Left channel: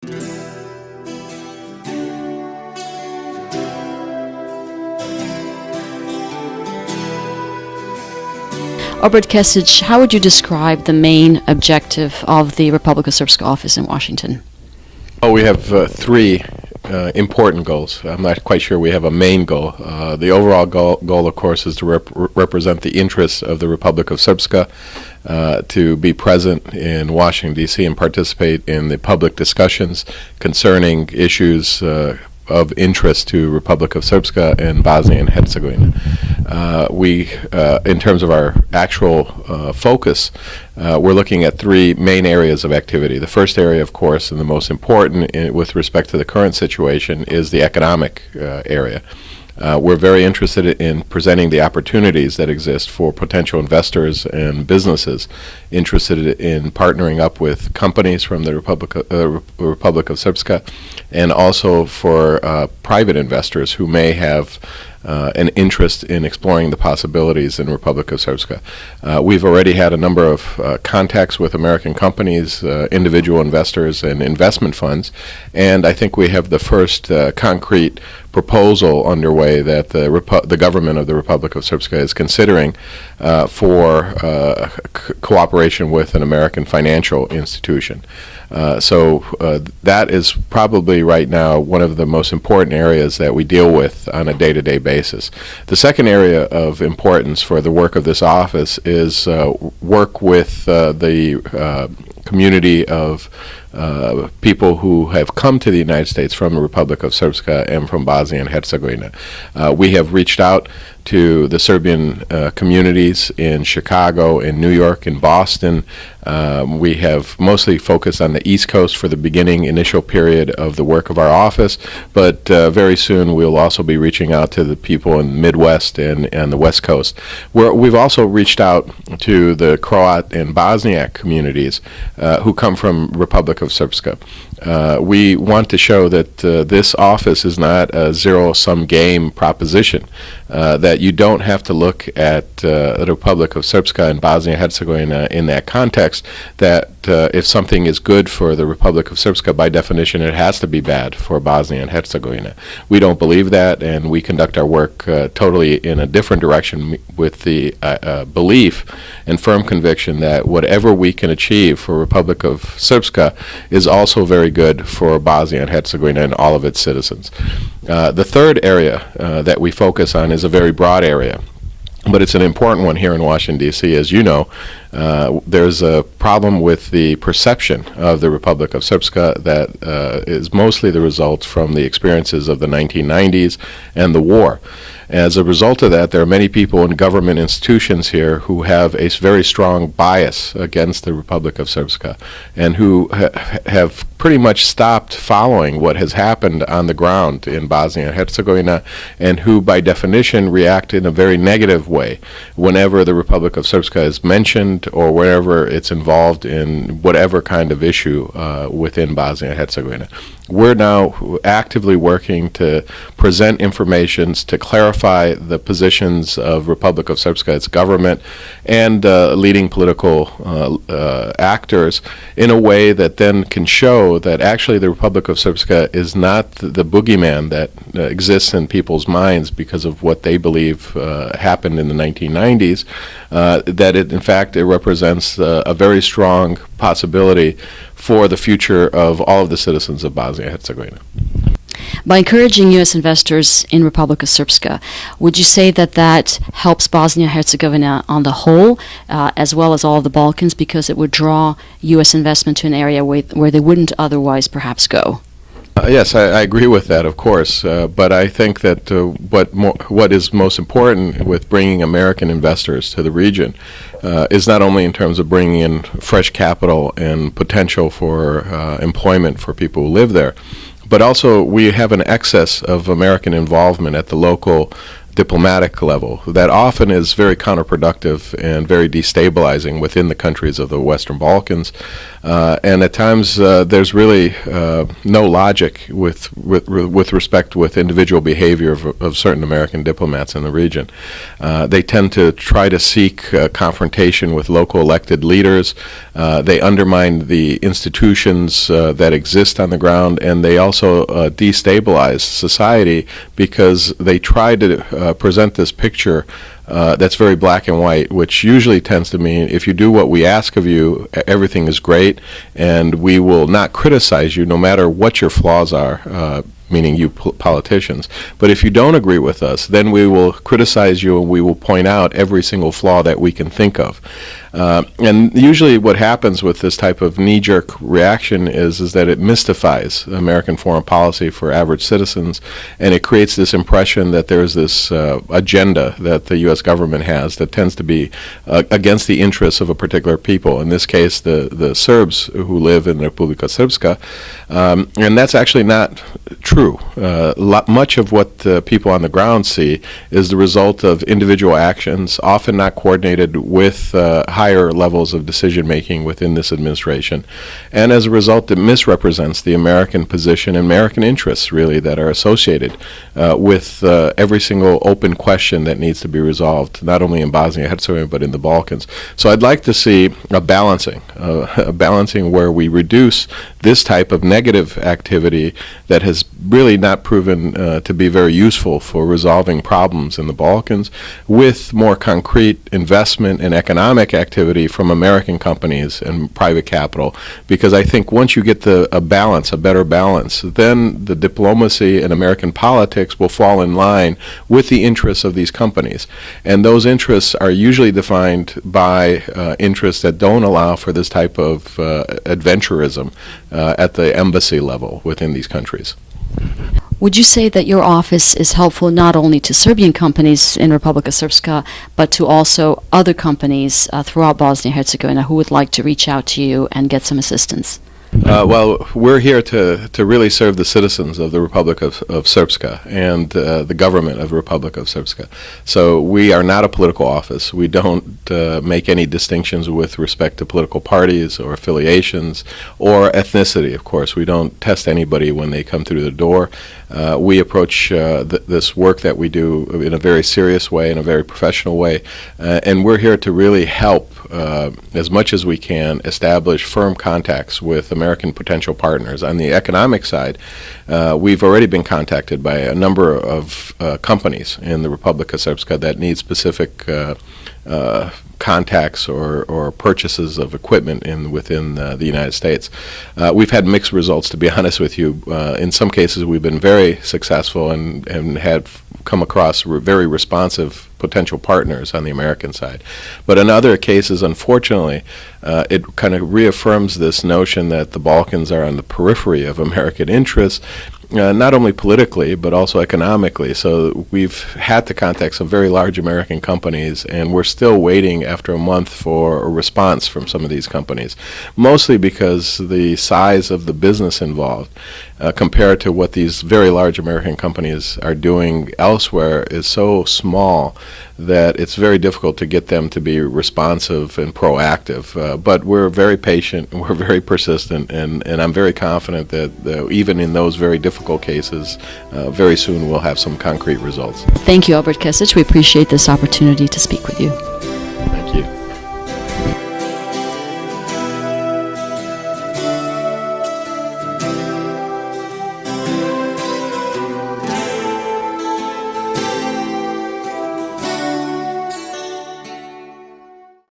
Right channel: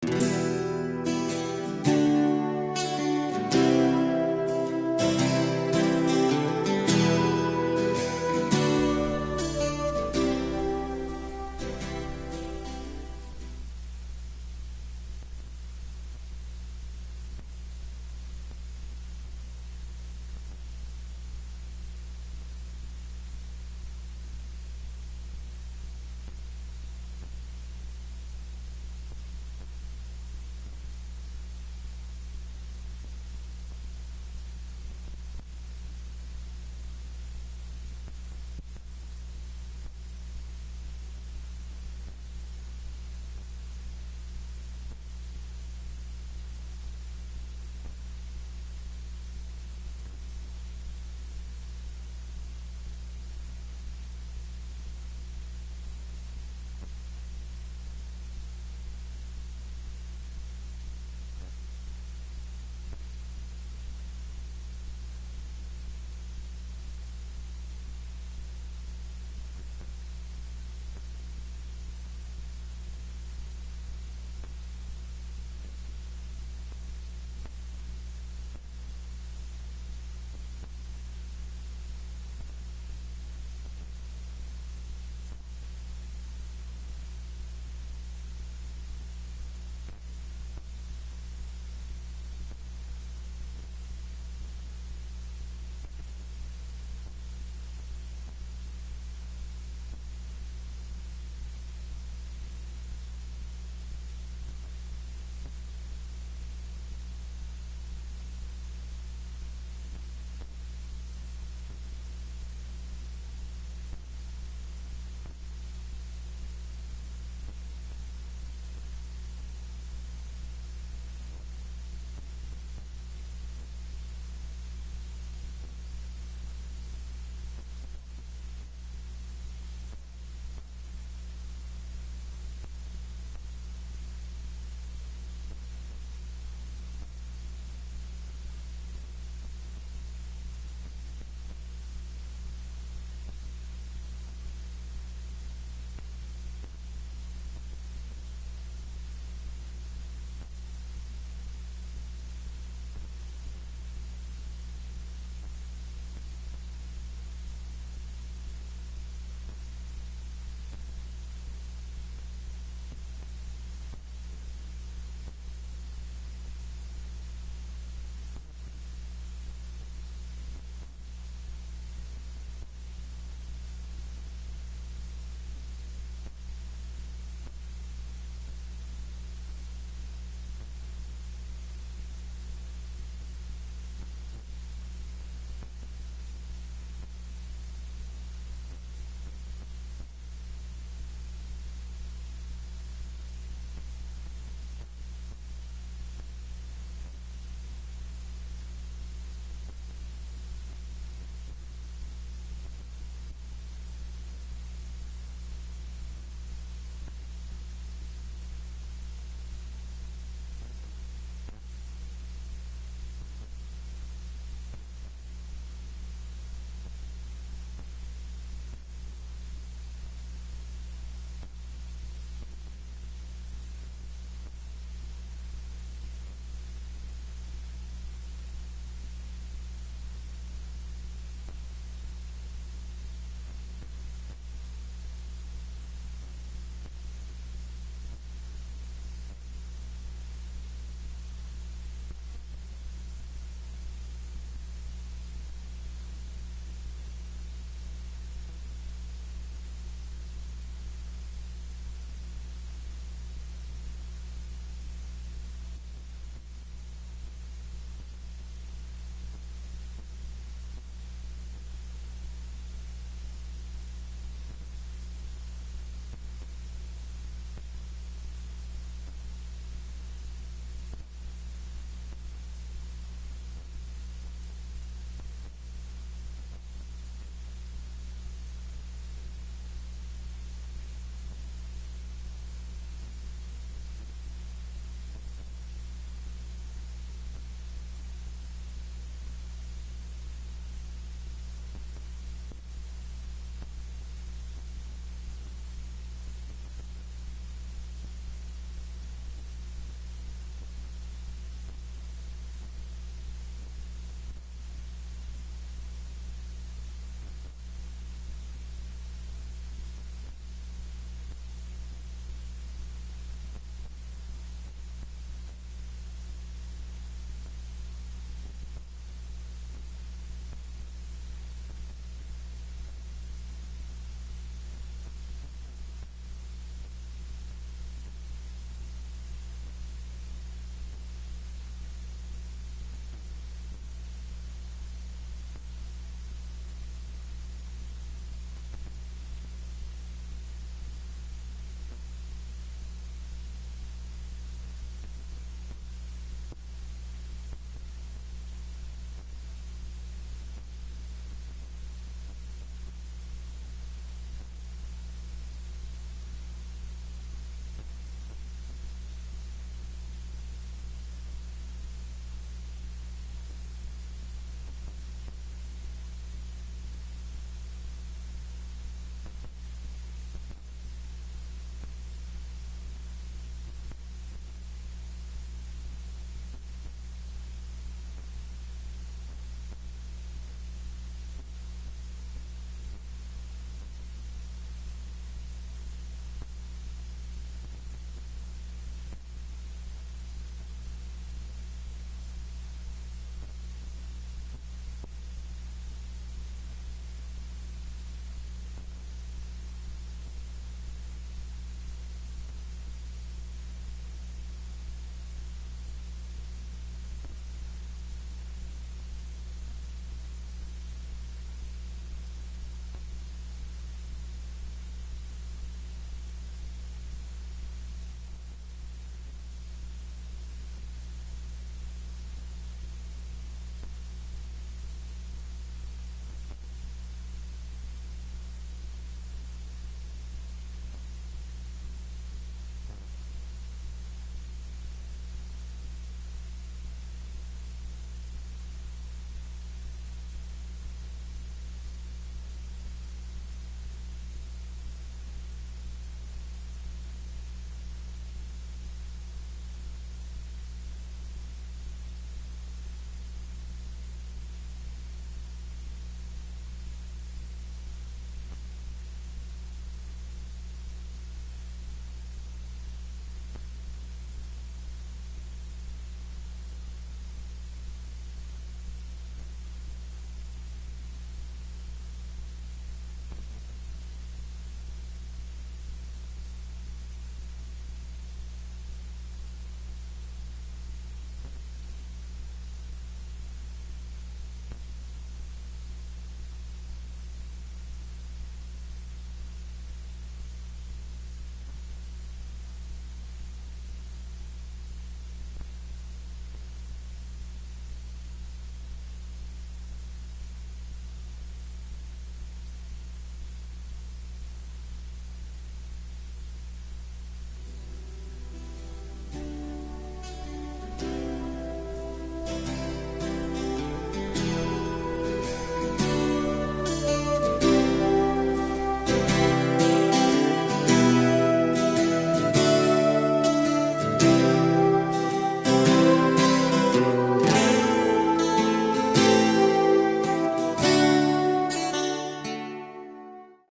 Obrad Kesic, how would you describe the main objective of the Republika Srpska office in Washington? Oh, we have three important goals. I'm not quite sure we have a main goal. The overall goal, of course, is to represent the interests of the Republika Srpska, to be present in Washington, D.C. and participate in the public discussions concerning issues of interest to Republika Srpska and Bosnia and Herzegovina. In terms of our actual focus, we're looking at three main areas of activity. The first area, of course, and the most important with respect to the current situation, is the economic area. We're very interested in presenting the opportunities that exist for potential investors and businesses interested in partnering up with companies from the Republic of Srpska, and also for private investors who may have an interest in exploring the possibilities in Republika Srpska. We've already had a number of contacts with American companies, individual investors, and investment funds, and I think we have the first concrete proposal underway that the government of the Republic of Srpska is considering for cooperation with an American financial institution. So that is probably right now one of the most important areas that we deal with on a day-to-day basis. The second area of importance for the work of this office is work with the community of people who have come to the United States from the Republic of Srpska and from Bosnia and Herzegovina. We have reached out to the Serbian communities in Chicago, in New York, in Boston. We have mostly focused on the East Coast for the initial period of the work of our office, but very soon we'll also be reaching out to the people in the Midwest and the West Coast. We've also reached out to the Croat and Bosniak communities who come from Republic of Srpska. We want to show that this office is not a zero-sum game proposition, that you don't have to look at the Republic of Srpska and Bosnia and Herzegovina in that context, that if something is good for the Republic of Srpska, by definition it has to be bad for Bosnia and Herzegovina. We don't believe that, and we conduct our work totally in a different direction with the belief and firm conviction that whatever we can achieve for Republic of Srpska is also very good for Bosnia and Herzegovina and all of its citizens. The third area that we focus on is a very broad area, but it's an important one here in Washington, D.C. As you know, there's a problem with the perception of the Republic of Srpska that is mostly the result from the experiences of the 1990s and the war. As a result of that, there are many people in government institutions here who have a very strong bias against the Republic of Srpska, and who have pretty much stopped following what has happened on the ground in Bosnia and Herzegovina, and who by definition react in a very negative way whenever the Republic of Srpska is mentioned or wherever it's involved in whatever kind of issue within Bosnia and Herzegovina. We're now actively working to present information to clarify the positions of Republic of Srpska, its government, and leading political actors in a way that then can show that actually the Republic of Srpska is not the boogeyman that exists in people's minds because of what they believe happened in the 1990s, that in fact it represents a very strong possibility for the future of all of the citizens of Bosnia and Herzegovina. By encouraging U.S. investors in Republika Srpska, would you say that that helps Bosnia and Herzegovina on the whole, as well as all of the Balkans, because it would draw U.S. investment to an area where they wouldn't otherwise perhaps go? Yes, I agree with that, of course, but I think that what is most important with bringing American investors to the region is not only in terms of bringing in fresh capital and potential for employment for people who live there, but also we have an excess of American involvement at the local diplomatic level that often is very counterproductive and very destabilizing within the countries of the Western Balkans. And at times there's really no logic with respect with individual behavior of certain American diplomats in the region. They tend to try to seek confrontation with local elected leaders. They undermine the institutions that exist on the ground, and they also destabilize society because they try to present this picture that's very black and white, which usually tends to mean if you do what we ask of you, everything is great, and we will not criticize you no matter what your flaws are, meaning you politicians. But if you don't agree with us, then we will criticize you and we will point out every single flaw that we can think of. And usually what happens with this type of knee-jerk reaction is that it mystifies American foreign policy for average citizens, and it creates this impression that there's this agenda that the U.S. government has that tends to be against the interests of a particular people, in this case the Serbs who live in Republika Srpska. And that's actually not true. Much of what people on the ground see is the result of individual actions, often not coordinated with higher levels of decision-making within this administration. And as a result, it misrepresents the American position and American interests, really, that are associated with every single open question that needs to be resolved, not only in Bosnia-Herzegovina, but in the Balkans. So I'd like to see a balancing where we reduce this type of negative activity that has really not proven to be very useful for resolving problems in the Balkans, with more concrete investment and economic activity from American companies and private capital. Because I think once you get a better balance, then the diplomacy and American politics will fall in line with the interests of these companies. And those interests are usually defined by interests that don't allow for this type of adventurism at the embassy level within these countries. Would you say that your office is helpful not only to Serbian companies in Republika Srpska, but to also other companies throughout Bosnia-Herzegovina who would like to reach out to you and get some assistance? Well, we're here to really serve the citizens of the Republic of Srpska and the government of Republic of Srpska. So we are not a political office. We don't make any distinctions with respect to political parties or affiliations or ethnicity, of course. We don't test anybody when they come through the door. We approach this work that we do in a very serious way, in a very professional way, and we're here to really help as much as we can establish firm contacts with American potential partners. On the economic side, we've already been contacted by a number of companies in the Republika Srpska that need specific contacts or purchases of equipment within the United States. We've had mixed results, to be honest with you. In some cases, we've been very successful and had come across very responsive potential partners on the American side. But in other cases, unfortunately, it kind of reaffirms this notion that the Balkans are on the periphery of American interests, not only politically, but also economically. So we've had to contact some very large American companies, and we're still waiting after a month for a response from some of these companies, mostly because the size of the business involved compared to what these very large American companies are doing elsewhere is so small that it's very difficult to get them to be responsive and proactive. But we're very patient, we're very persistent, and I'm very confident that even in those very difficult cases, very soon we'll have some concrete results. Thank you, Obrad Kesic. We appreciate this opportunity to speak with you.